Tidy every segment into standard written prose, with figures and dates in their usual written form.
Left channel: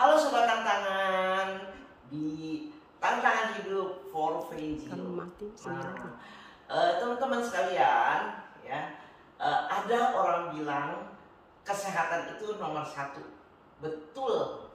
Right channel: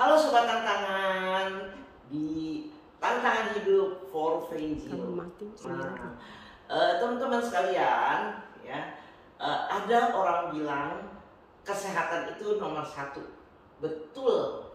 Halo Sobat Tantangan di Tantangan Hidup for Frenzy. Teman-teman sekalian, ya, ada orang bilang kesehatan itu nomor satu. Betul.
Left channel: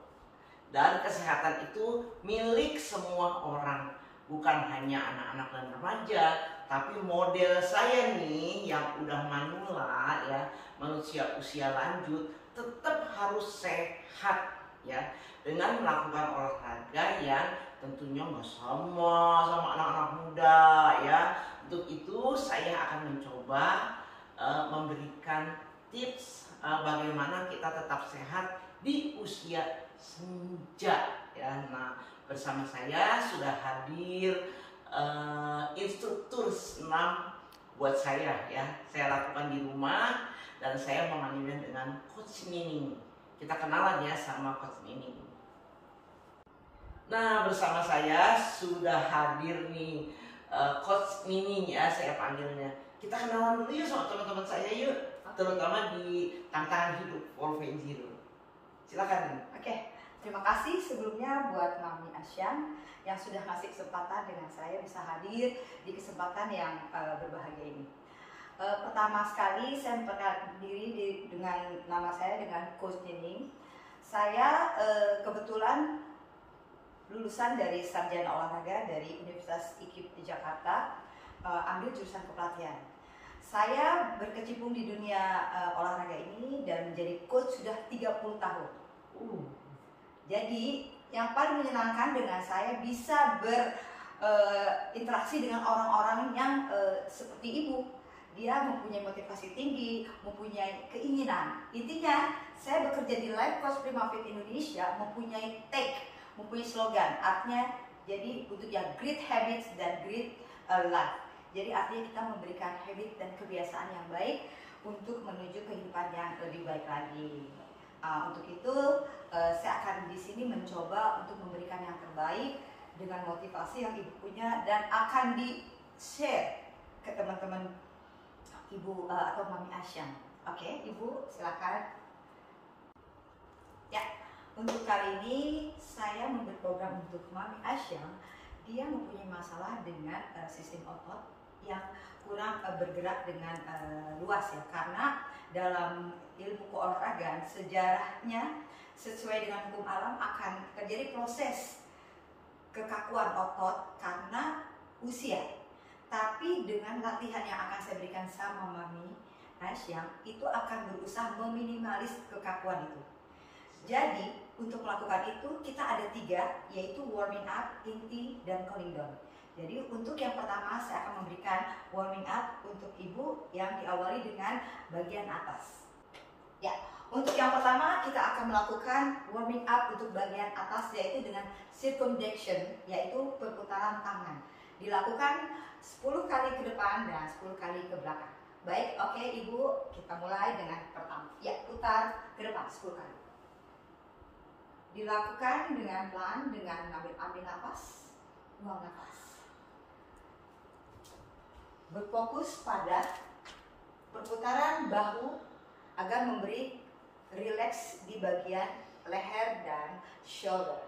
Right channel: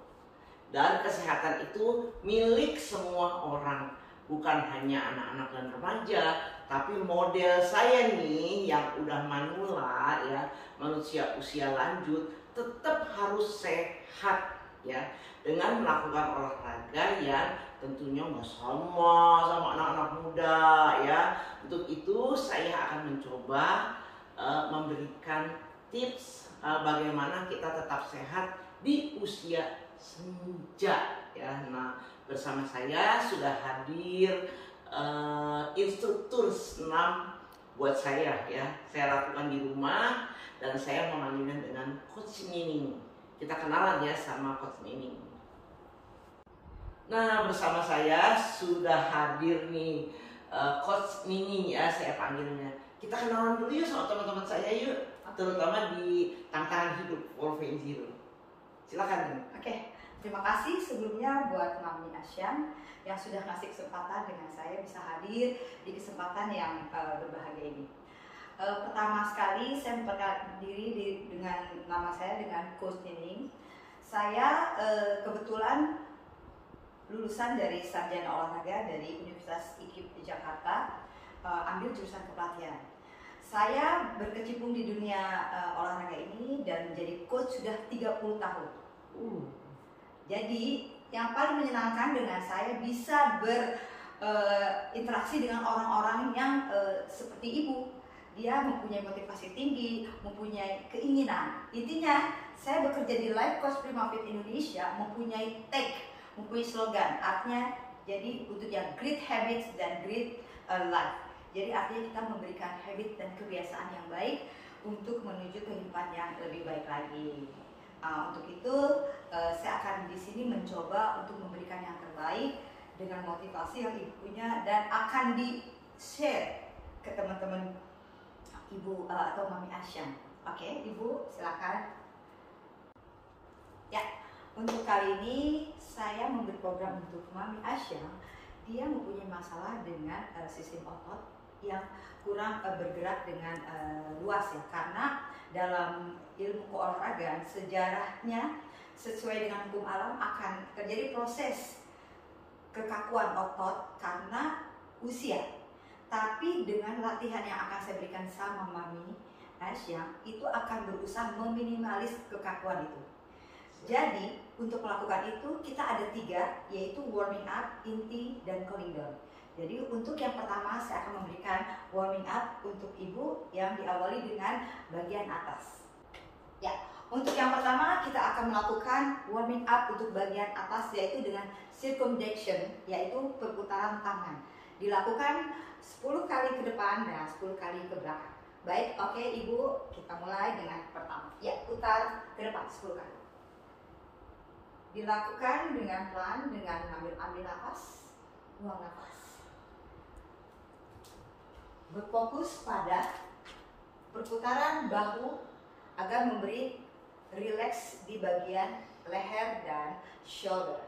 Dan kesehatan itu milik semua orang, bukan hanya anak-anak dan remaja, tapi model saya nih yang udah manula, ya, manusia usia lanjut, tetap harus sehat, ya, dengan melakukan olahraga yang tentunya nggak sama anak-anak muda, ya. Untuk itu saya akan mencoba memberikan tips bagaimana kita tetap sehat di usia senja, ya. Nah, bersama saya sudah hadir instruktur senam buat saya, ya. Saya lakukan di rumah dan saya memanggilnya dengan Coach Nining. Kita kenalan ya sama Coach Nining. Nah, bersama saya sudah hadir nih Coach Nining, ya, saya panggilnya. Kita kenalan dulu yuk sama teman-teman saya yuk, terutama di Tantangan Hidup for Frenzy. Silakan. Oke, terima kasih sebelumnya buat Mami Asyan yang sudah ngasih kesempatan dengan saya bisa hadir di kesempatan yang berbahagia ini. Pertama sekali saya memperkenalkan diri dengan nama saya dengan Coach Nining. Saya kebetulan lulusan dari sarjana olahraga dari Universitas IKIP Jakarta, ambil jurusan kepelatihan. Saya berkecimpung di dunia olahraga ini dan menjadi coach sudah 30 tahun. Jadi yang paling menyenangkan dengan saya bisa berinteraksi dengan orang-orang yang seperti ibu. Dia mempunyai motivasi tinggi, mempunyai keinginan. Intinya, saya bekerja di Life Coach Prima Fit Indonesia mempunyai mempunyai slogan. Artinya, jadi untuk yang great habits dan great life. Jadi artinya kita memberikan habit dan kebiasaan yang baik untuk menuju kehidupan yang lebih baik lagi. Untuk itu, saya akan di sini mencoba untuk memberikan yang terbaik dengan motivasi yang ibu punya dan akan di-share ke teman-teman Ibu atau Mami Asyan. Oke, Ibu silakan. Ya, untuk kali ini saya memberi program untuk Mami Asyan. Dia mempunyai masalah dengan sistem otot yang kurang bergerak dengan luas, ya, karena dalam ilmu keolahragaan sejarahnya sesuai dengan hukum alam akan terjadi proses kekakuan otot karena usia. Tapi dengan latihan yang akan saya berikan sama Mami Asyan, itu akan berusaha meminimalis kekakuan itu. Jadi untuk melakukan itu kita ada 3, yaitu warming up, inti, dan cooling down. Jadi untuk yang pertama saya akan memberikan warming up untuk ibu yang diawali dengan bagian atas. Ya, untuk yang pertama kita akan melakukan warming up untuk bagian atas, yaitu dengan circumduction, yaitu perputaran tangan. Dilakukan 10 kali ke depan dan 10 kali ke belakang. Baik, oke Ibu, kita mulai dengan pertama. Ya, putar ke depan 10 kali. Dilakukan dengan pelan, dengan ambil nafas, buang nafas. Berfokus pada perputaran bahu agar memberi rileks di bagian leher dan shoulder.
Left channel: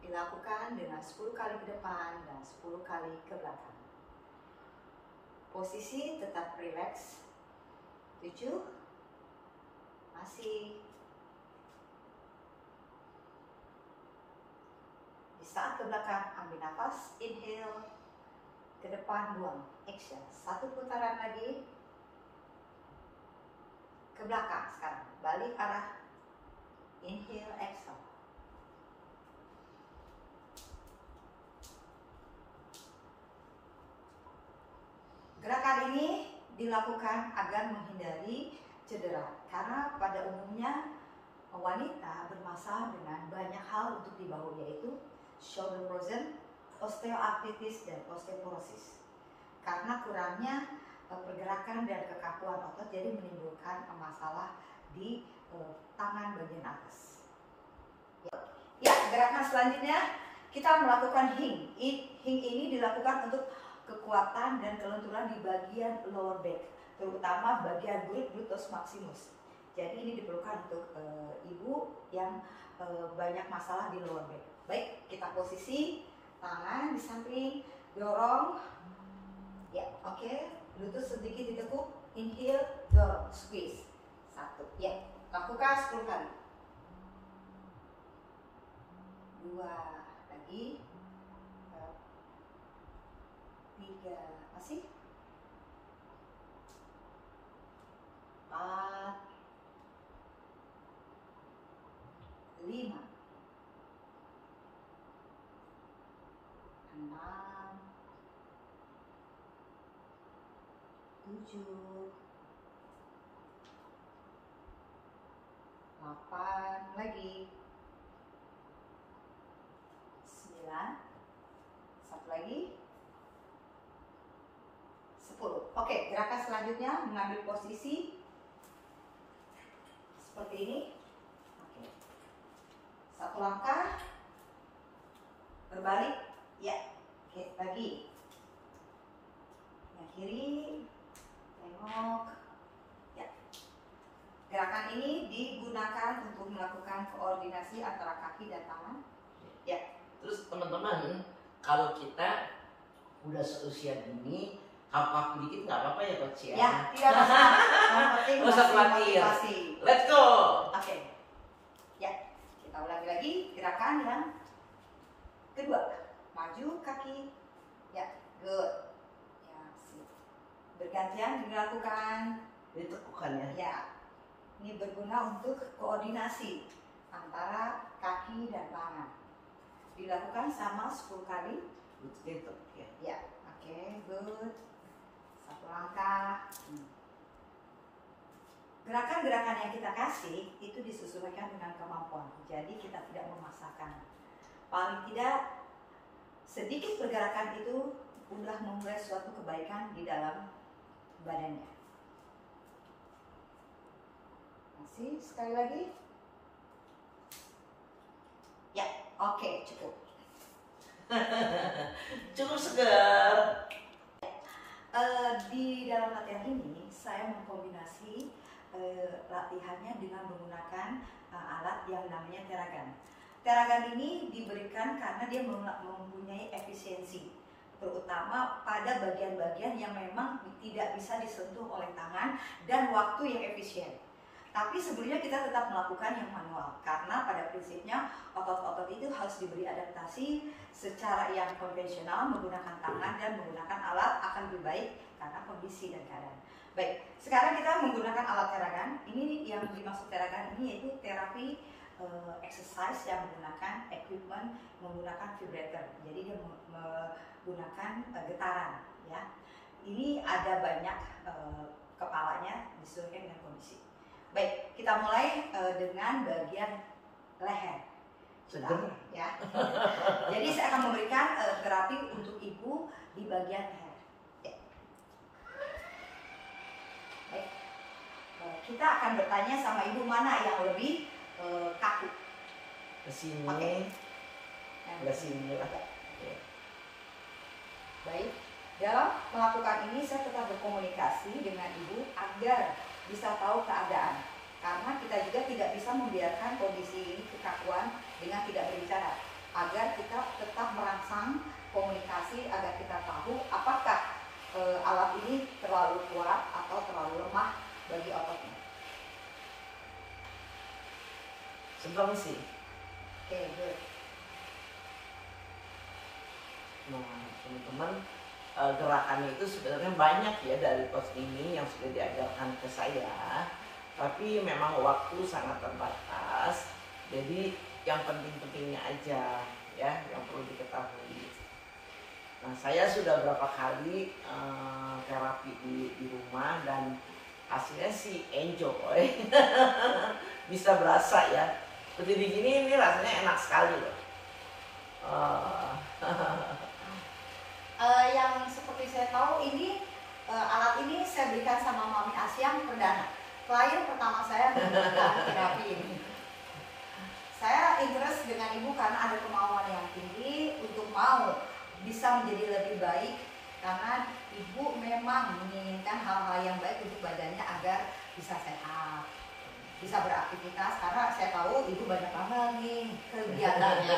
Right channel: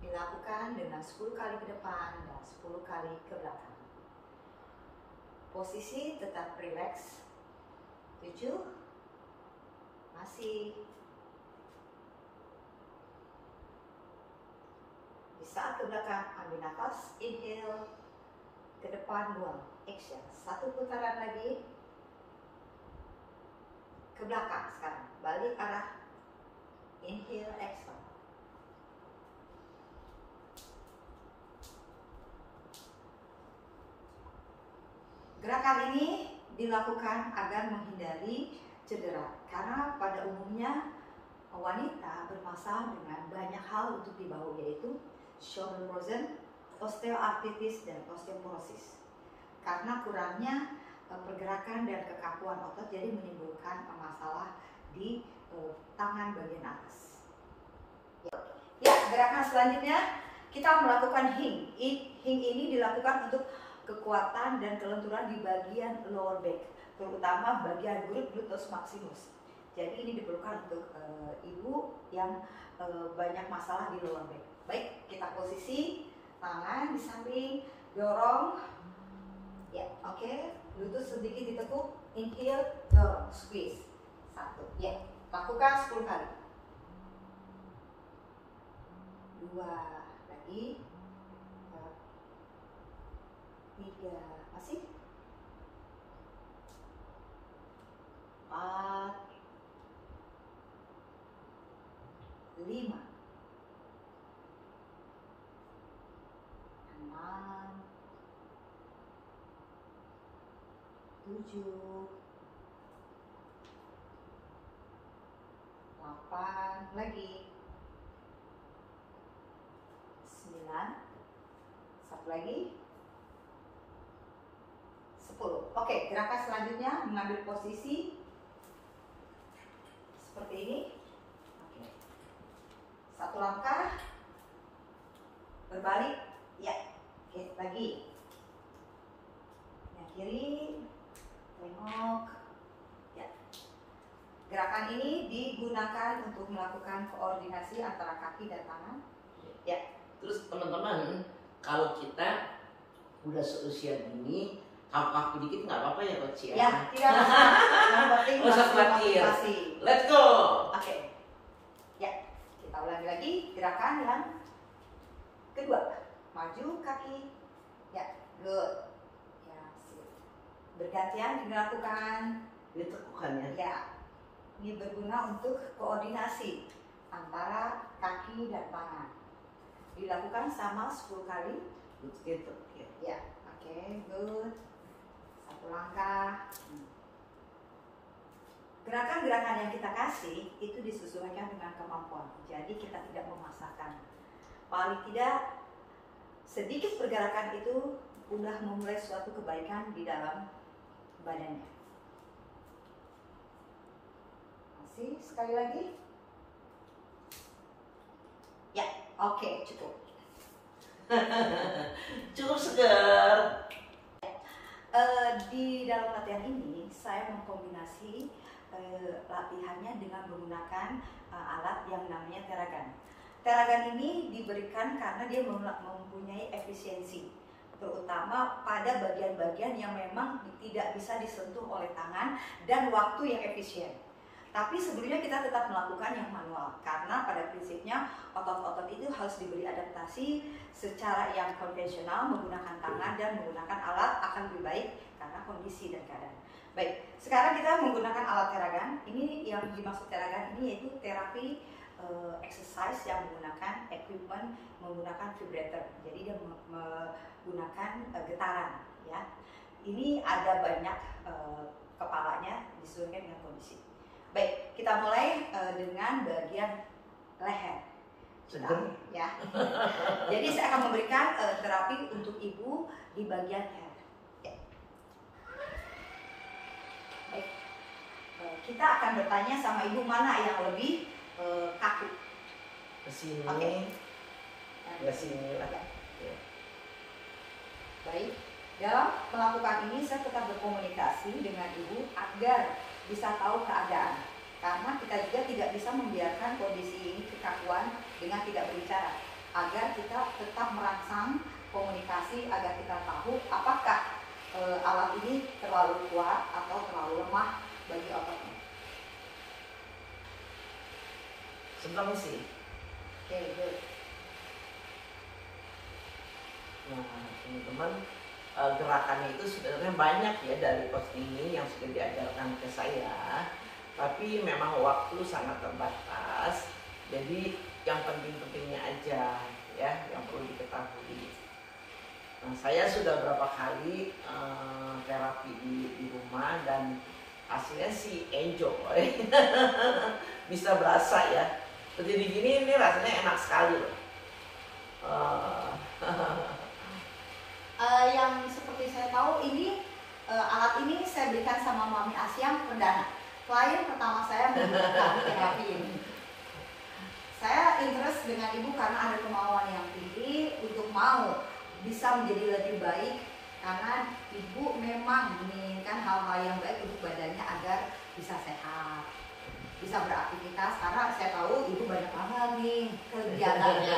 Dilakukan dengan 10 kali ke depan dan 10 kali ke belakang. Posisi tetap rileks. 7. Masih. Di saat ke belakang, ambil nafas, inhale, ke depan, buang, exhale. 1 putaran lagi. Ke belakang sekarang, balik arah, inhale, exhale. Gerakan ini dilakukan agar menghindari cedera, karena pada umumnya wanita bermasalah dengan banyak hal untuk di bahu, yaitu shoulder frozen, osteoartritis, dan osteoporosis. Karena kurangnya pergerakan dan kekakuan otot, jadi menimbulkan masalah di tangan bagian atas. Ya, gerakan selanjutnya kita melakukan hing. Hing ini dilakukan untuk kekuatan dan kelenturan di bagian lower back, terutama bagian gluteus maximus. Jadi ini diperlukan untuk ibu yang banyak masalah di lower back. Baik, kita posisi tangan di samping, dorong. Ya, oke. Lutut sedikit ditekuk, inhale, dorong, squeeze. 1, ya. Lakukan 10 kali. 2 lagi. 3, masih. 4, 5, 6, 7, 8, lagi 9, satu lagi 10. Oke, gerakan selanjutnya mengambil posisi seperti ini. Oke. Satu langkah berbalik, ya. Oke, lagi yang kiri, tengok, ya. Gerakan ini digunakan untuk melakukan koordinasi antara kaki dan tangan, ya. Terus teman-teman, kalau kita udah seusia gini, kaku-kaku dikit nggak apa-apa ya coach ya? Ya, tidak masalah. Yang penting Nggak usah masih khawatir. motivasi. Let's go. Oke, ya. Kita ulangi lagi gerakan yang kedua. Maju kaki, ya, good. Ya, sip. Bergantian dilakukan. Ditekukan ya. Ya, ini berguna untuk koordinasi antara kaki dan tangan. Dilakukan sama 10 kali. Gitu. Ya. Ya, oke, good. Satu langkah. Gerakan-gerakan yang kita kasih itu disesuaikan dengan kemampuan. Jadi kita tidak memaksakan. Paling tidak sedikit pergerakan itu udah memulai suatu kebaikan di dalam badannya. Masih sekali lagi. Ya, oke, cukup. Cukup segar. Di dalam latihan ini saya mengkombinasi latihannya dengan menggunakan alat yang namanya teragan. Teragan ini diberikan karena dia mempunyai efisiensi, terutama pada bagian-bagian yang memang tidak bisa disentuh oleh tangan dan waktu yang efisien. Tapi sebelumnya kita tetap melakukan yang manual karena pada prinsipnya otot-otot itu harus diberi adaptasi secara yang konvensional menggunakan tangan dan menggunakan alat akan lebih baik karena kondisi dan keadaan. Baik, sekarang kita menggunakan alat teragan. Ini yang dimaksud teragan ini yaitu terapi exercise yang menggunakan equipment, menggunakan vibrator. Jadi dia menggunakan getaran, ya. Ini ada banyak kepalanya disesuaikan dengan kondisi. Baik, kita mulai dengan bagian leher. Seger. Ya. Jadi saya akan memberikan terapi untuk ibu di bagian leher. Ya. Baik, kita akan bertanya sama ibu mana yang lebih kaku. Kesini. Oke. Kesini lah. Ya. Baik, dalam melakukan ini saya tetap berkomunikasi dengan ibu agar bisa tahu keadaan, karena kita juga tidak bisa membiarkan kondisi ini kekakuan dengan tidak berbicara, agar kita tetap merangsang komunikasi agar kita tahu apakah alat ini terlalu kuat atau terlalu lemah bagi ototnya. Sebentar misi. Oke. Nah, teman-teman, gerakannya itu sebenarnya banyak ya dari coach ini yang sudah diajarkan ke saya, tapi memang waktu sangat terbatas, jadi yang penting-pentingnya aja ya yang perlu diketahui. Nah, saya sudah berapa kali terapi di rumah dan hasilnya sih enjoy. Bisa berasa ya, berdiri gini ini rasanya enak sekali loh. Yang seperti saya tahu ini alat ini saya berikan sama Mami Asyam perdana. Klien pertama saya menggunakan terapi ini. Saya interest dengan ibu karena ada kemauan yang tinggi untuk mau bisa menjadi lebih baik, karena ibu memang menginginkan hal-hal yang baik untuk badannya agar bisa sehat. bisa beraktivitas karena saya tahu ibu banyak banget nih kegiatannya.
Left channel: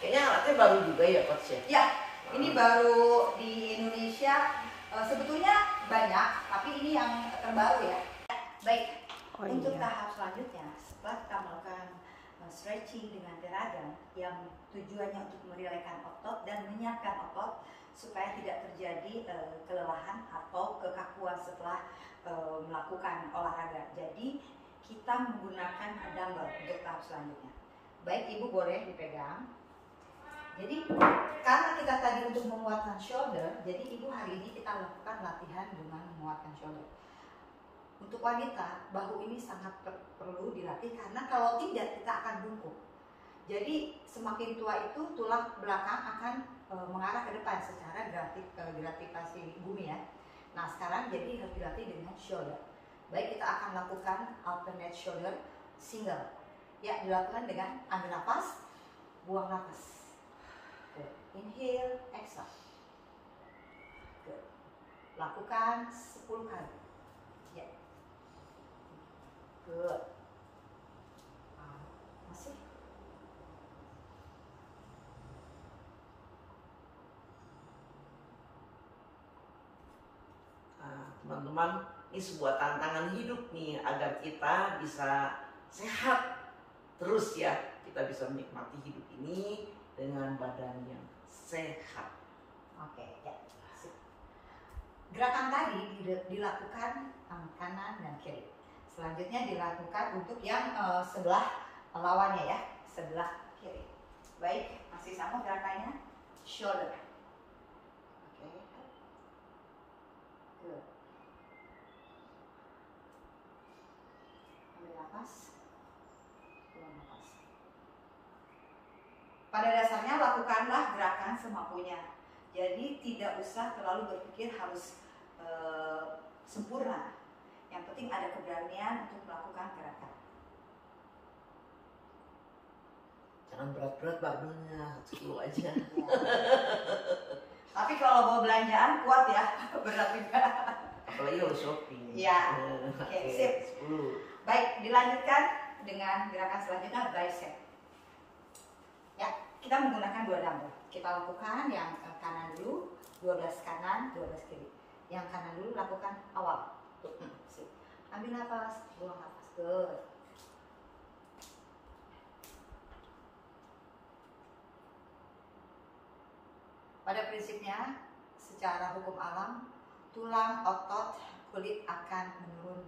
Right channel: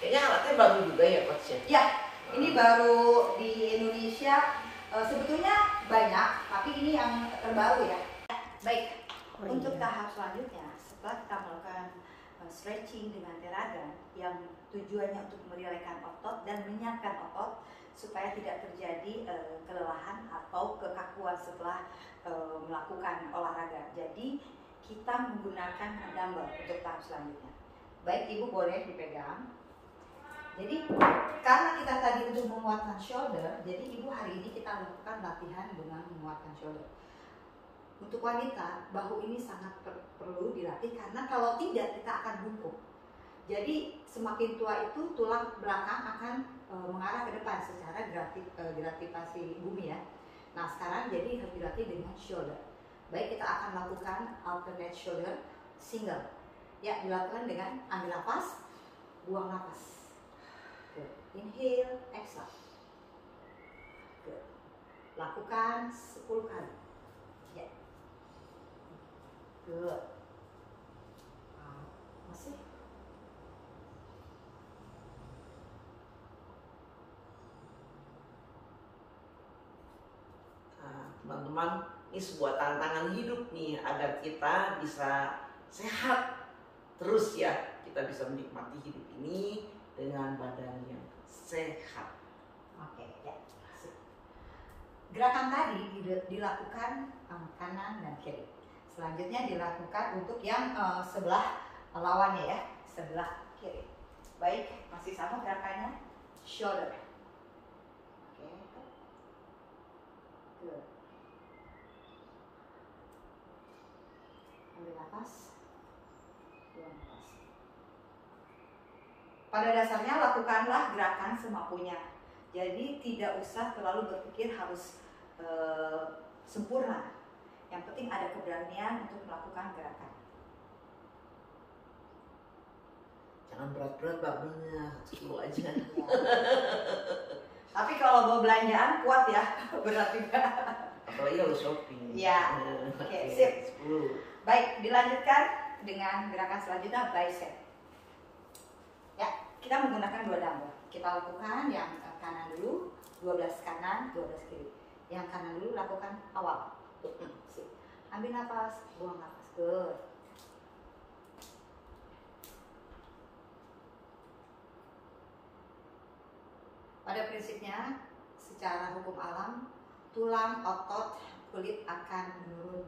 Kayaknya alatnya baru juga ya coach ya? Ya, ini baru di Indonesia, sebetulnya banyak, tapi ini yang terbaru ya. Baik, untuk tahap selanjutnya setelah kita melakukan stretching dengan teragan yang tujuannya untuk merilekkan otot dan menyiapkan otot supaya tidak terjadi kelelahan atau kekakuan setelah melakukan olahraga. Jadi kita menggunakan dumbbell untuk tahap selanjutnya. Baik, ibu boleh dipegang. Jadi karena kita tadi untuk menguatkan shoulder, jadi ibu hari ini kita lakukan latihan dengan menguatkan shoulder. Untuk wanita, bahu ini sangat perlu dilatih karena kalau tidak kita akan bungkuk. Jadi semakin tua itu tulang belakang akan mengarah ke depan secara gravitasi bumi ya. Nah sekarang jadi harus dilatih dengan shoulder. Baik, kita akan lakukan alternate shoulder single. Ya, dilakukan dengan ambil nafas, buang nafas. Good. Inhale, exhale. Good. Lakukan 10 kali. Ya. Good. Masih. Teman-teman, ini sebuah tantangan hidup nih agar kita bisa sehat terus ya. Kita bisa menikmati hidup ini dengan badan yang sehat. Oke, ya. Gerakan tadi dilakukan kanan dan kiri. Selanjutnya dilakukan untuk yang sebelah lawannya ya, sebelah kiri. Baik, masih sama gerakannya, shoulder. Oke, good. Ambil nafas, buang nafas. Pada dasarnya lakukanlah gerakan semampunya. Jadi tidak usah terlalu berpikir harus sempurna. Yang penting ada keberanian untuk melakukan gerakan. Jangan berat-berat barbelnya, 1 kilo aja. Ya. Tapi kalau bawa belanjaan kuat ya, berat juga. Apalagi kalau shopping. Ya, oke, sip. 10. Baik, dilanjutkan dengan gerakan selanjutnya bicep. Ya, kita menggunakan 2 dumbbell. Kita lakukan yang kanan dulu, 12 kanan, 12 kiri. Yang kanan dulu lakukan awal. Sip. Ambil nafas, buang nafas. Good. Pada prinsipnya, secara hukum alam, tulang, otot, kulit akan menurun.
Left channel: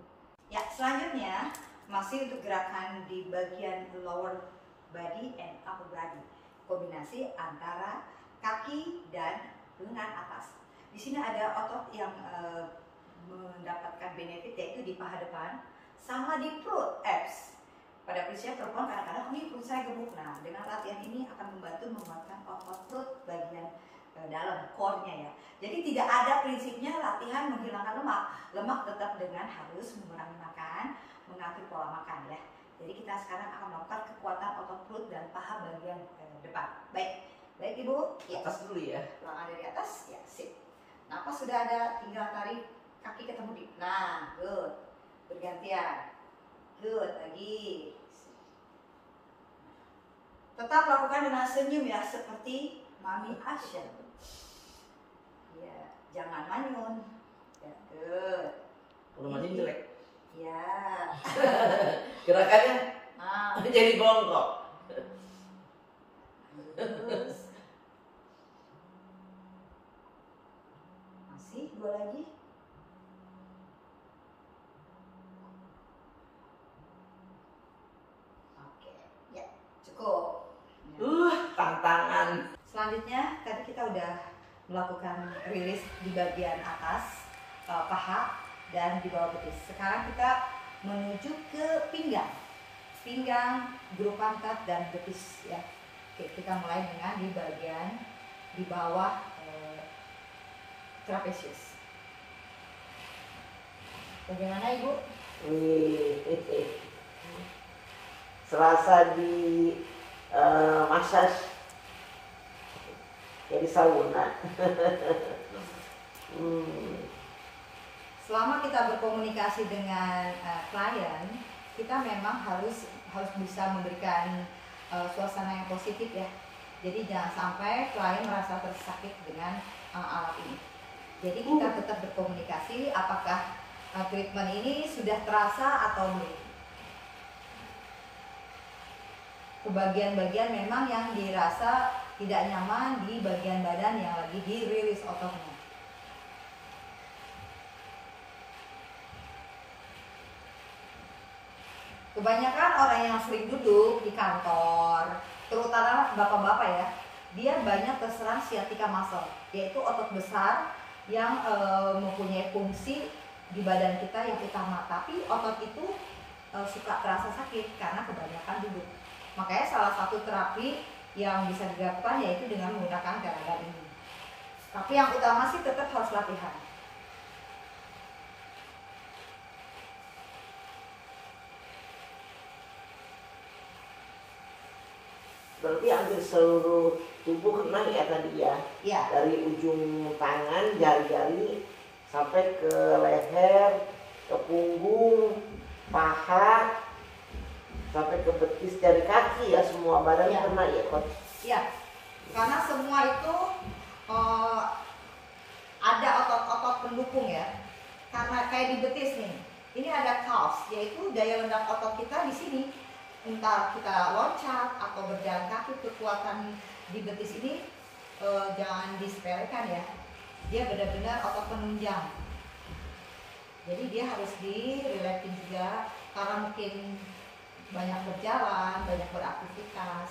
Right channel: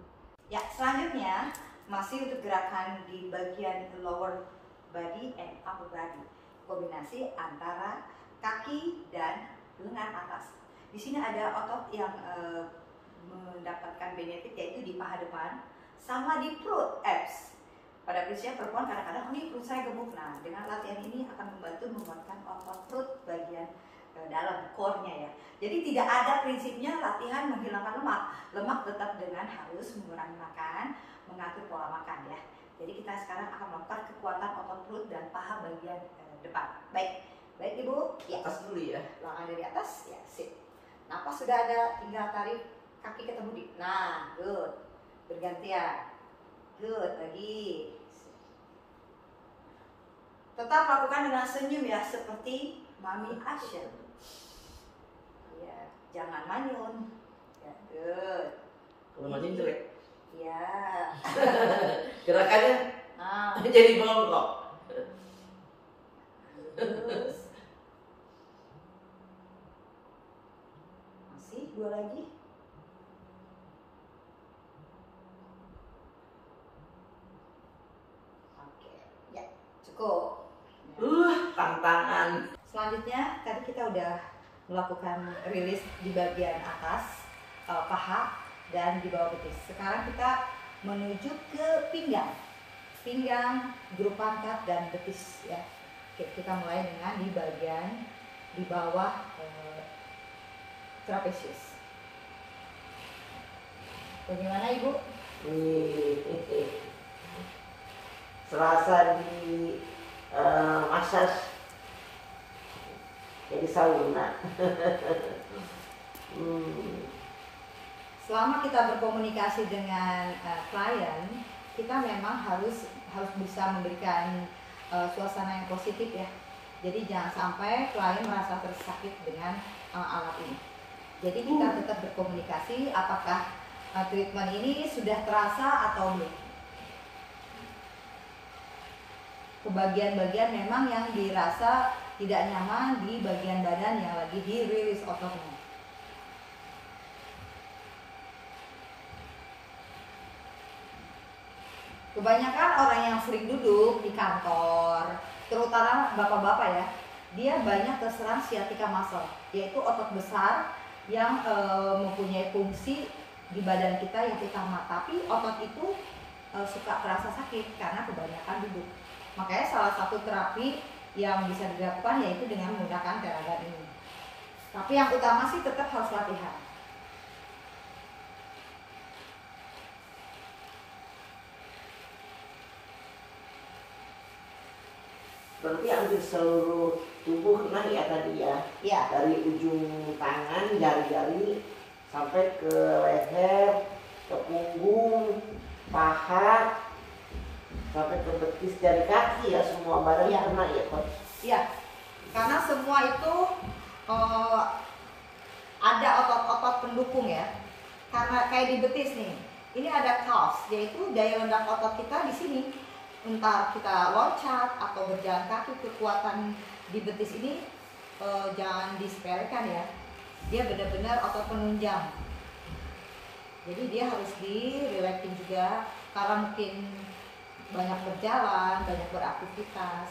Ya, selanjutnya masih untuk gerakan di bagian lower body and upper body. Kombinasi antara kaki dan lengan atas. Di sini ada otot yang mendapatkan benefit yaitu di paha depan sama di perut, abs. Pada prinsipnya perempuan kadang-kadang ini perut saya gemuk. Nah, dengan latihan ini akan membantu menguatkan otot perut bagian dalam core-nya ya. Jadi tidak ada prinsipnya latihan menghilangkan lemak. Lemak tetap dengan harus mengurangi makan, mengatur pola makan ya. Jadi kita sekarang akan melakukan kekuatan otot perut dan paha bagian depan. Baik, baik ibu. Ya. Atas dulu ya. Langkah dari atas, ya sip. Napas sudah ada, tinggal tarik kaki ketemu di. Nah, good. Bergantian. Good, lagi. Tetap lakukan dengan senyum ya, seperti Mami Asya. Ya, jangan manyun. Ya, good. Kalau manyun jelek. Ya. Gerakannya jadi bongkok. Terus. Masih 2 lagi. Oke, ya cukup. Tantangan. Selanjutnya tadi kita udah melakukan rilis di bagian atas paha dan di bawah betis. Sekarang kita menuju ke pinggang, grup pantat dan betis ya. Oke, kita mulai dengan di bagian di bawah trapezius. Bagaimana ibu? Selasa di massage jadi sauna. selama kita berkomunikasi dengan klien, kita memang harus bisa memberikan suasana yang positif ya. Jadi jangan sampai klien merasa tersakit dengan alat ini. Jadi kita tetap berkomunikasi apakah treatment ini sudah terasa atau belum. Kebagian-bagian memang yang dirasa tidak nyaman di bagian badan yang lagi dirilis ototnya. Kebanyakan orang yang sering duduk di kantor, terutama bapak-bapak ya, dia banyak terserang sciatica muscle, yaitu otot besar yang mempunyai fungsi di badan kita yang utama. Tapi otot itu suka terasa sakit karena kebanyakan duduk. Makanya salah satu terapi yang bisa dilakukan yaitu dengan menggunakan telaga ini. Tapi yang utama sih tetap harus latihan. Berarti hampir seluruh tubuh kena ya tadi ya? Ya. Dari ujung tangan, jari-jari sampai ke leher, ke punggung, paha, sampai ke betis dari kaki ya, semua badan Ya. kena ya Coach? Iya, karena semua itu ada otot-otot pendukung ya. Karena kayak di betis nih, ini ada calves, yaitu daya ledak otot kita di sini. Entah kita loncat atau berjalan kaki, kekuatan di betis ini jangan disepelekan ya. Dia benar-benar otot penunjang. Jadi dia harus di-relaxing juga karena mungkin banyak berjalan, banyak beraktivitas.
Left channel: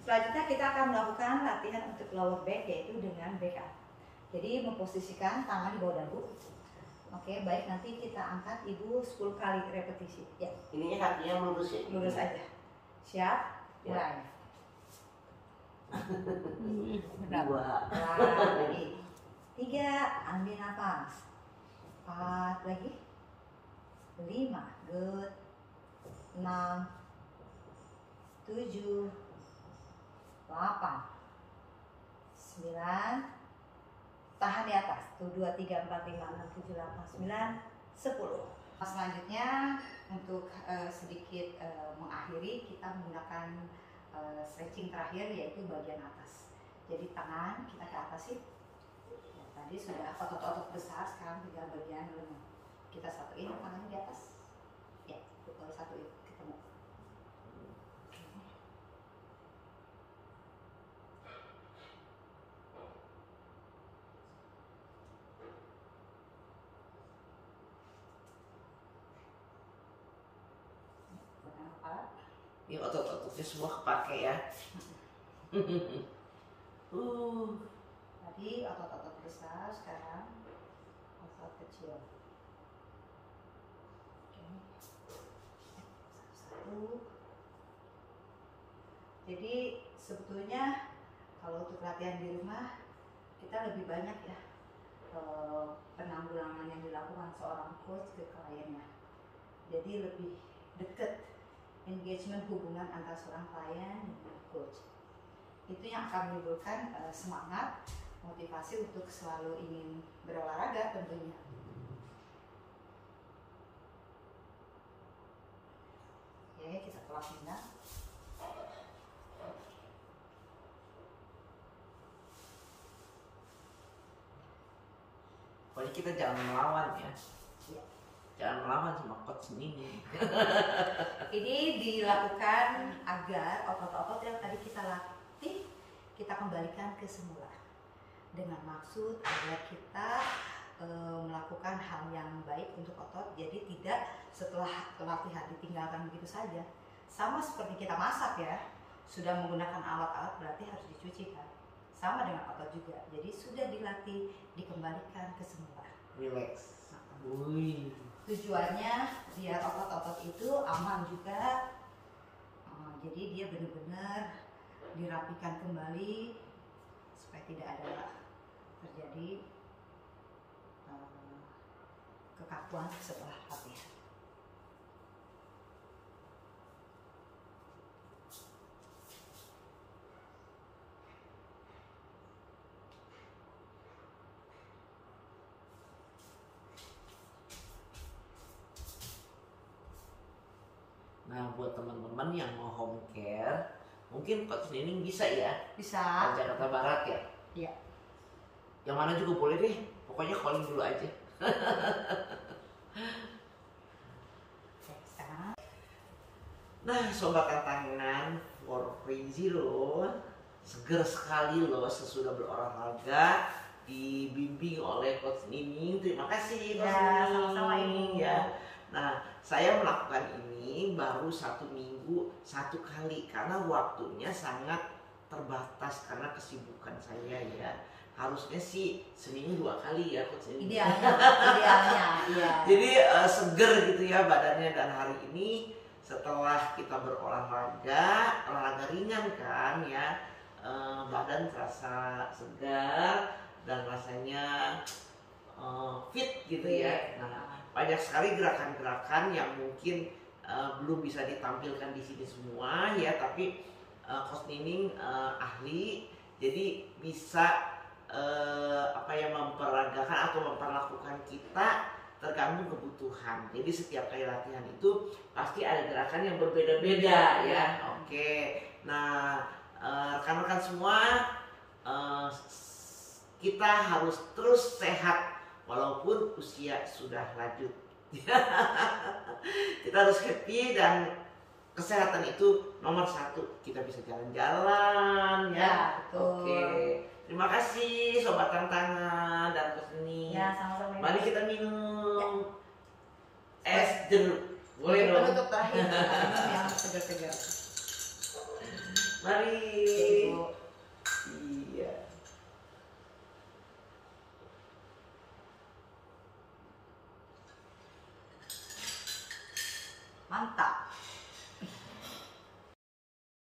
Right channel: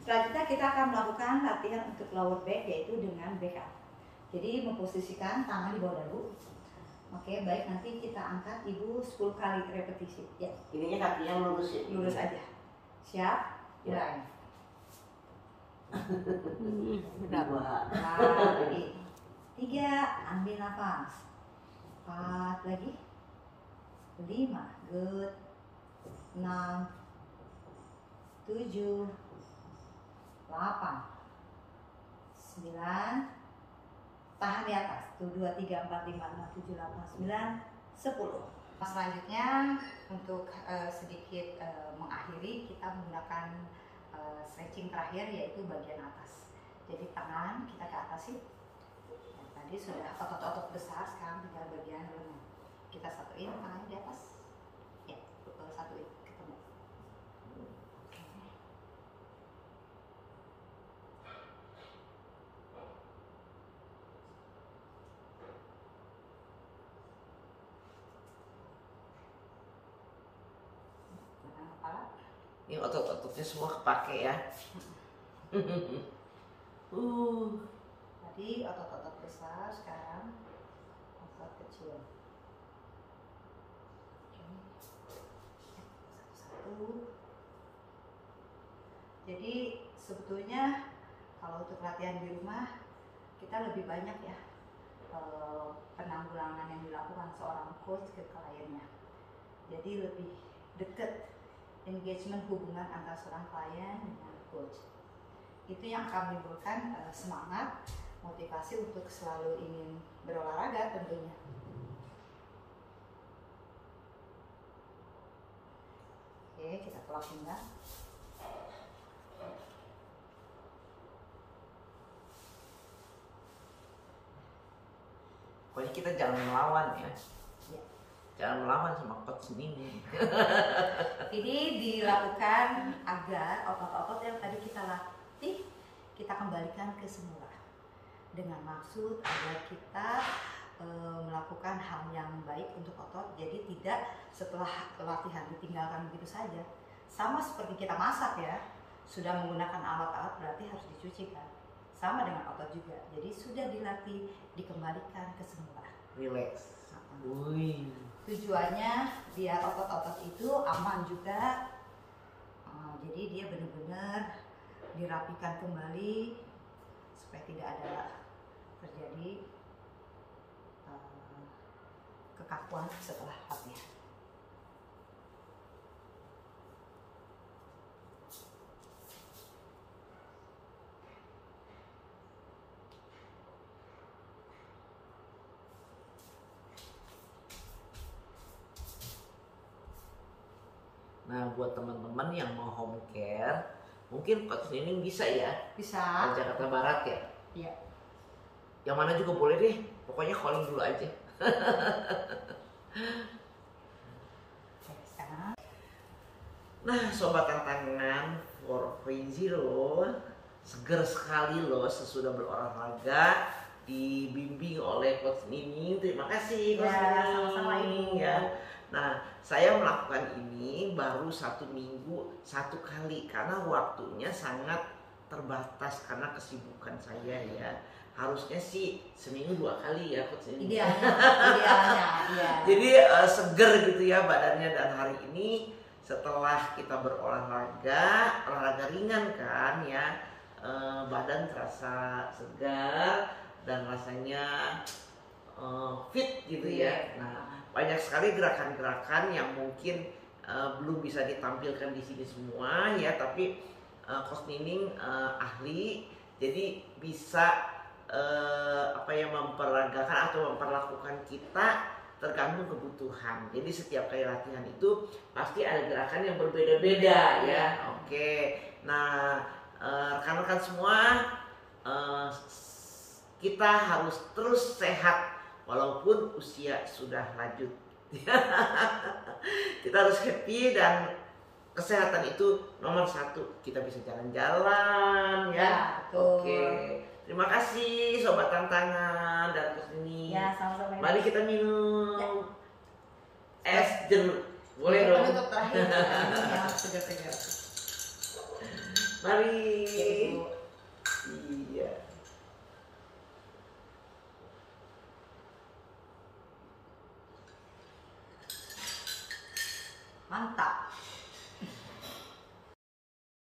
Selanjutnya kita akan melakukan latihan untuk lower back, yaitu dengan back up. Jadi memposisikan tangan di bawah dagu. Oke, baik, nanti kita angkat ibu 10 kali repetisi. Ya. Ininya kakinya lurus ya? Lurus aja. Siap? Mulai. Benar. Lagi. 3, ambil nafas. 4 lagi. 5, good. 6, 7, 8, 9, tahan di atas. 1, 2, 3, 4, 5, 6, 7, 8, 9, 10. Selanjutnya untuk sedikit mengakhiri, kita menggunakan stretching terakhir yaitu bagian atas. Jadi tangan kita ke atas sih. Ya, tadi sudah otot-otot besar, sekarang tinggal bagian lengan. Kita satuin tangannya di atas. Ya, satuin ketemu. Oke. Pegang kepala. Ini otot-ototnya semua kepake ya. Tadi otot-otot besar, sekarang otot kecil. Satu-satu. Jadi sebetulnya kalau untuk latihan di rumah kita lebih banyak ya penanggulangan yang dilakukan seorang coach ke kliennya. Jadi lebih dekat engagement hubungan antara seorang klien dengan coach. Itu yang akan menimbulkan semangat, motivasi untuk selalu ingin berolahraga tentunya. Oke, kita kelap pinggang. Pokoknya kita jangan melawan ya. Ya. Jangan melawan sama coach ini. Ini dilakukan agar otot-otot yang tadi kita latih kita kembalikan ke semula, dengan maksud agar kita melakukan hal yang baik untuk otot. Jadi tidak setelah latihan ditinggalkan begitu saja. Sama seperti kita masak ya, sudah menggunakan alat-alat berarti harus dicuci kan. Sama dengan otot juga. Jadi sudah dilatih, dikembalikan ke semula. Relax. Tujuannya biar otot-otot itu aman juga. Jadi dia benar-benar dirapikan kembali supaya tidak ada terjadi kekakan. pengakuan setelah latihan. Nah, buat teman-teman yang mau home care, mungkin coach Nining bisa ya? Bisa. Ke Jakarta Barat ya? Iya. Yang mana juga boleh deh, pokoknya calling dulu aja. Oke, sekarang. Nah, sobat tantangan for crazy loh, seger sekali loh sesudah berolahraga dibimbing oleh coach Nining. Terima kasih coach Nining. Sama-sama Ibu. Ya. Nah, saya melakukan ini baru 1 minggu 1 kali karena waktunya sangat terbatas karena kesibukan saya ya. Harusnya sih seminggu 2 kali ya coach Nining. Idealnya, iya. Jadi seger gitu ya badannya, dan hari ini setelah kita berolahraga, olahraga ringan kan ya, badan terasa segar dan rasanya fit gitu ya. Nah, banyak sekali gerakan-gerakan yang mungkin belum bisa ditampilkan di sini semua ya, tapi Coach Nining ahli, jadi bisa memperagakan atau memperlakukan kita tergantung kebutuhan. Jadi setiap kali latihan itu pasti ada gerakan yang berbeda-beda ya. Oke. Nah, rekan-rekan semua, kita harus terus sehat walaupun usia sudah lanjut. Kita harus happy, dan kesehatan itu nomor 1. Kita bisa jalan-jalan ya. Betul. Oke. Terima kasih sobat tantangan dan Coach Nining. Ya, sama-sama. Mari kita minum es jeruk. Boleh dong. Penutup terakhir minum yang segar-segar. Mari. Ya, Ibu. Iya. Mantap.